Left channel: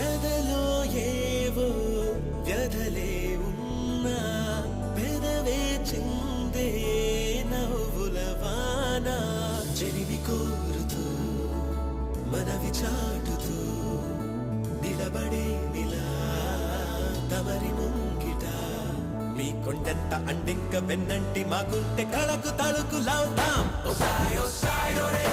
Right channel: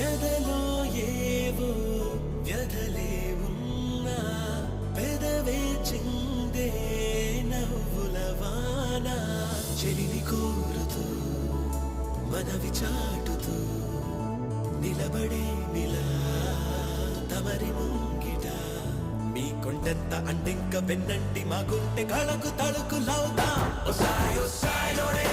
ఎదలో ఏవో వ్యధలే ఉన్నా పెదవే చిందే నవ్వుల వాన చెరిని కోరుతూ మనవి చాటుతూ నిలబడే నిలా తమరి ముంగిట మీ కొండెంత అంటింక వెన్నంటి మా గుండె కళకు తళుకు లావుతాం. ఓ సాయో సాయో రే